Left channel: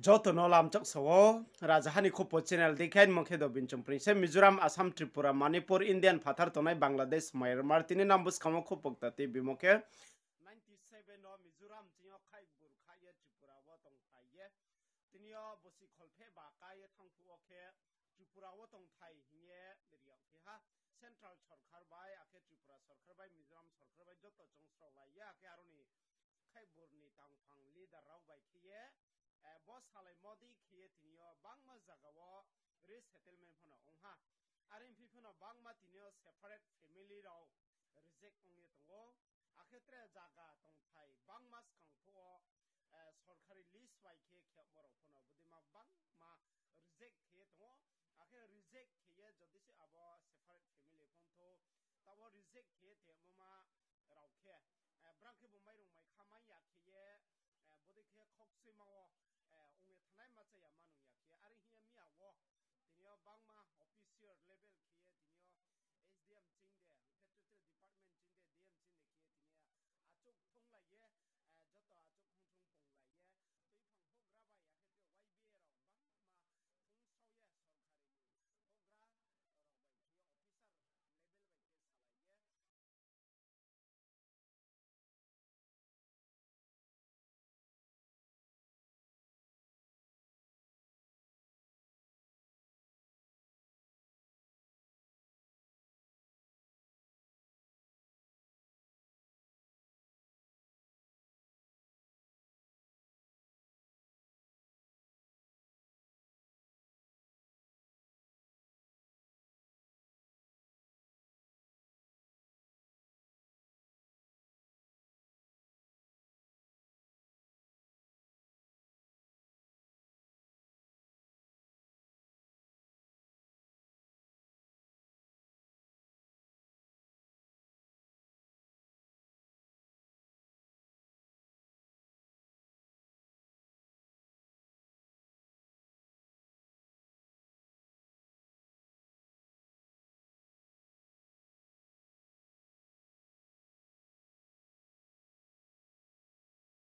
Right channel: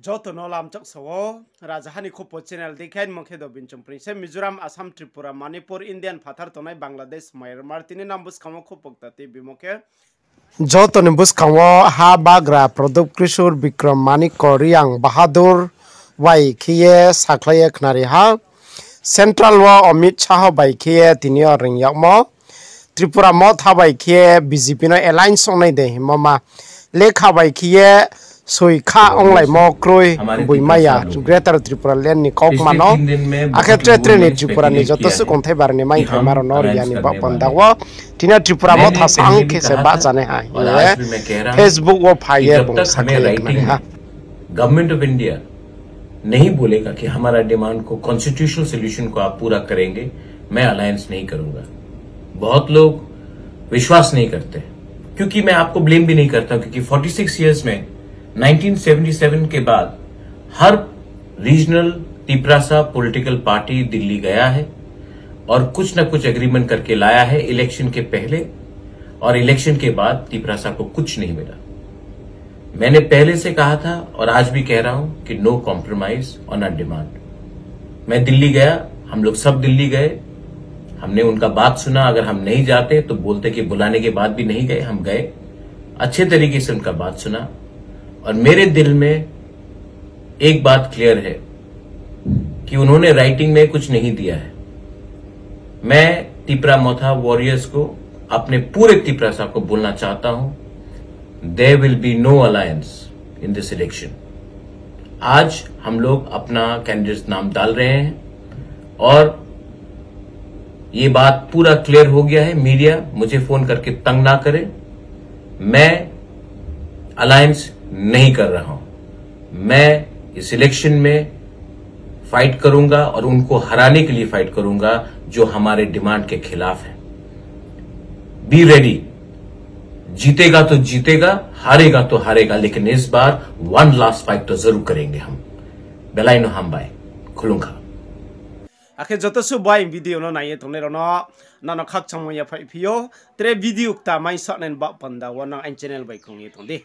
Joto no lam chok sawo Rajahani Khopo channel dikhain mokhe do binchum prince Mizoram Assam Tripura Manipur Indian phathar tonai Bangladesh Myanmar tini nam buskamo khopokta ti bimokhe Joto ni buskamo ha bagra product krishur Bikram Manik Koryang Bahadur wai khiye saklaye khnari ha Central wa Amit Shah bai khiye tini ring yakmo Tripura mo thabai khiye BJP no alliance onai de mama lekha bai khiye Soi kha onglai mo kroi buimaya Greater Tripura Land ni kok mano akhetre tre ni Tripura ni joto su konthai bar ni mai thai maro nor yani ba pandawa tina Tripura mo tha sang ke se ba jane ha Facebook wo phaiye bong sakhe ha government of India नहीं बोलेगा कि हमारा demand को constitutional solution को आप पूरा करेंगे, मैं अलायंस नहीं करूंगा। बहुत लोग विश्वास नहीं करते क्योंकि मैं आपको ब्लेम भी नहीं करता क्योंकि 46 इयर्स में 1977 के बाद हर regional Tiprasa political party Delhi गया है और कुछ न कुछ एग्रीमेंट करके लाया है इलेक्शन के पहले और इलेक्शन के बाद तिपरासा को कुछ नहीं मिला। मैंने पहले से कहा था और आज भी कह रहा हूं कि no compromise on our demand. मैं दिल्ली गया, हम लोग सब दिल्ली गए, हमने उनका बात सुना। अगर हम नहीं जाते तो बोलते कि बुलाने के बाद भी नहीं गए, हम गए, अच्छे तरीके से उनका बात सुना और मेरे दिल में एक बात क्लियर है कि उन्होंने राइटिंग में कुछ नहीं दिया है। मैं तिपरा मोथा वॉरियर्स को, अपने पूरे तिपरासा को बोलना चाहता हूं, there will be no alliance in this election. आज हम लोग अपना कैंडिडेट नाम डाल रहे हैं और ये बात पूरा क्लियर हो गया है। मीडिया मुझे फोन करके तंग ना करे, मैं अलायंस नहीं कर रहा हूं। मैं इस इलेक्शन में फाइट करूंगा और उनको हराने के लिए फाइट करूंगा जो हमारे डिमांड के खिलाफ है। बी रेडी, जीतेगा तो जीतेगा, हारेगा तो हारेगा, लेकिन इस बार वन लास्ट फाइट तो जरूर करेंगे हम। बेलाइनो हम बाय खुलूंगा आखे जतो सु bye video no naye tongne rono nano khak changmo ya phai phio tre video ta mai sa nen ba panda wana an channel bai khong ye tonde